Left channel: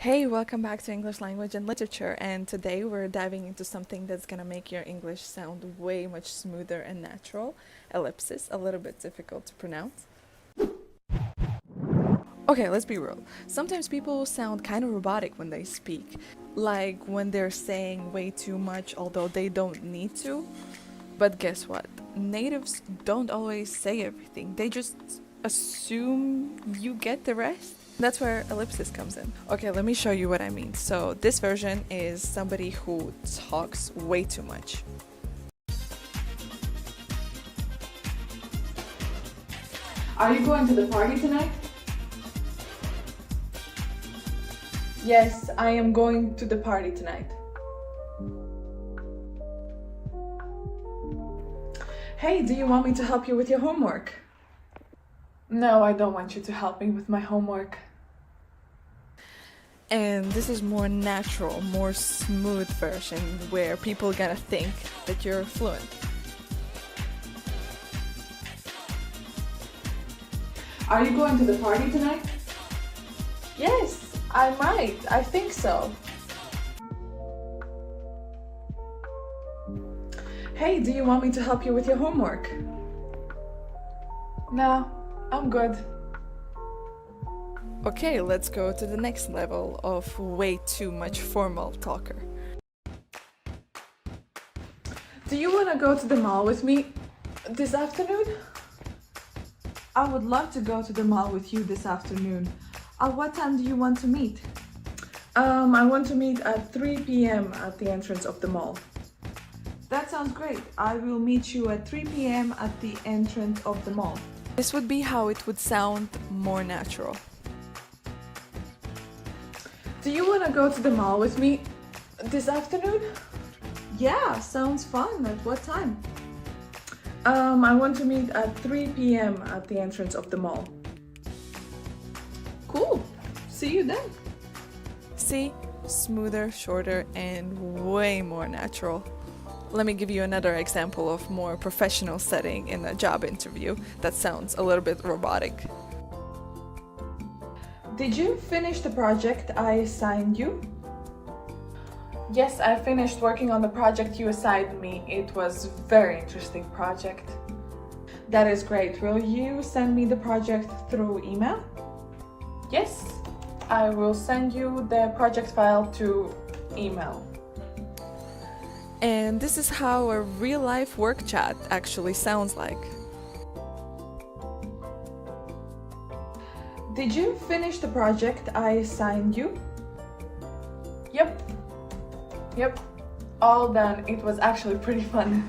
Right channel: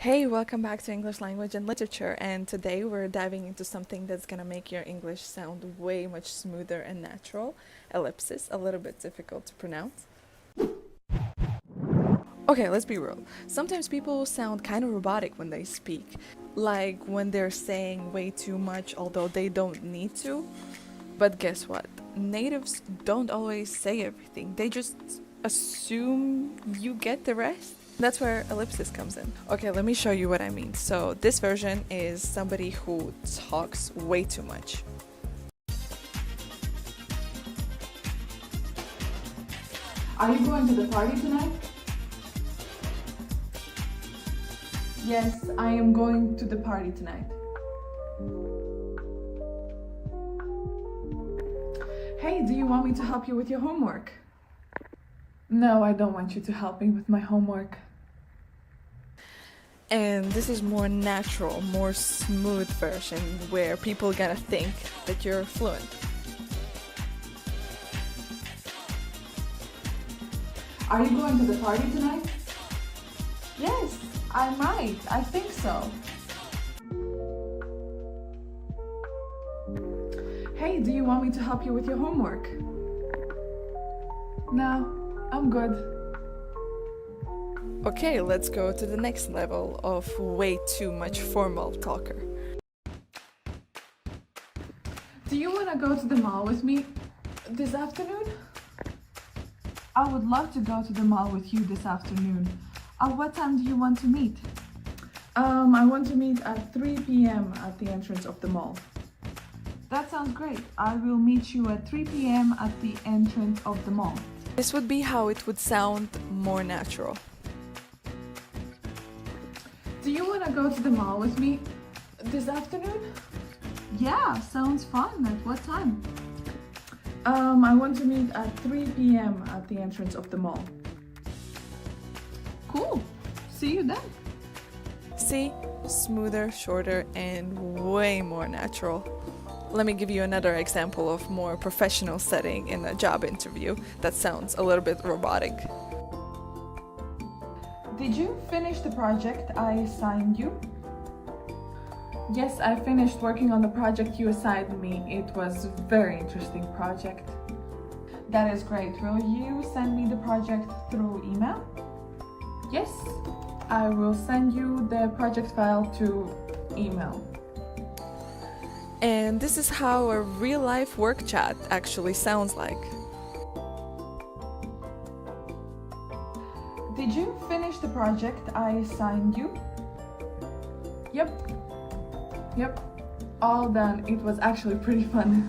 Hey, welcome back to English Language and Literature, and today we're diving into something that's gonna make your English sound way much smoother and natural. Ellipsis, a little bit difficult to pronounce. Okay, let's be real. Sometimes people sound kind of robotic when they speak, like when they're saying way too much although they don't need to. But guess what? Natives don't always say everything. They just assume you get the rest. That's where ellipsis comes in. Okay, let me show you what I mean. So this version is somebody who talks way too much. Are you going to the party tonight? Yes, I am going to the party tonight. Hey, do you want me to help you with your homework? No, I don't want you to help me with my homework. And this is more natural, more smooth version where people gonna think that you're fluent. Are you going to the party tonight? Yes, I might. I think so. Hey, do you want me to help you with your homework? No, I'm good. Okay, let's go to the next level of way too much formal talker. Do you want to go to the mall with me this afternoon? I would love to go to the mall with you this afternoon. At what time do you want to meet? I want to meet at 3 p.m. at the entrance of the mall. That sounds great. I will meet you at 3 p.m. at the entrance of the mall. This would be how it would sound more natural. Do you want to go to the mall with me this afternoon? Yeah, sounds fun. At what time? I want to meet at 3 p.m. at the entrance of the mall. Cool. See you then. See? Smoother, shorter, and way more natural. Let me give you another example of more professional setting in a job interview that sounds a little bit robotic. Did you finish the project I assigned you? Yes, I finished working on the project you assigned me. It was a very interesting project. That is great. Will you send me the project through email? Yes, I will send you the project file to email. And this is how a real-life work chat actually sounds like. Did you finish the project I assigned you? Yep, all done. It was actually pretty fun.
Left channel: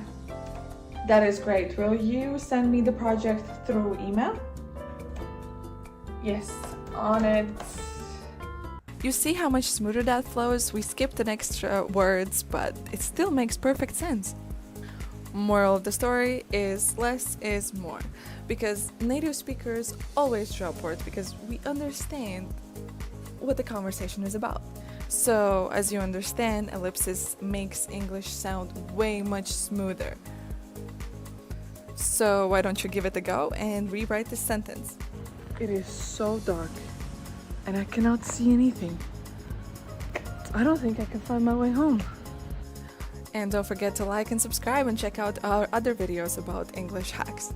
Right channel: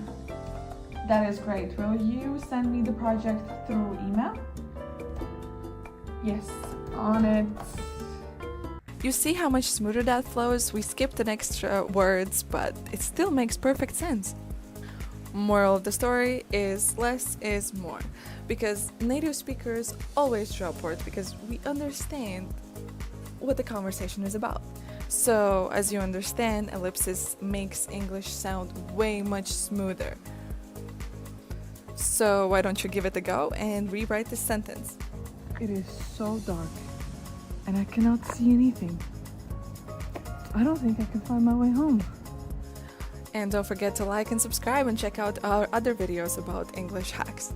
That is great. Will you send me the project through email? Yes, on it. You see how much smoother that flows? We skipped an extra words, but it still makes perfect sense. Moral of the story is less is more, because native speakers always drop words because we understand what the conversation is about. So, as you understand, ellipsis makes English sound way much smoother. So, why don't you give it a go and rewrite this sentence? It is so dark, and I cannot see anything. I don't think I can find my way home. And don't forget to like and subscribe and check out our other videos about English hacks.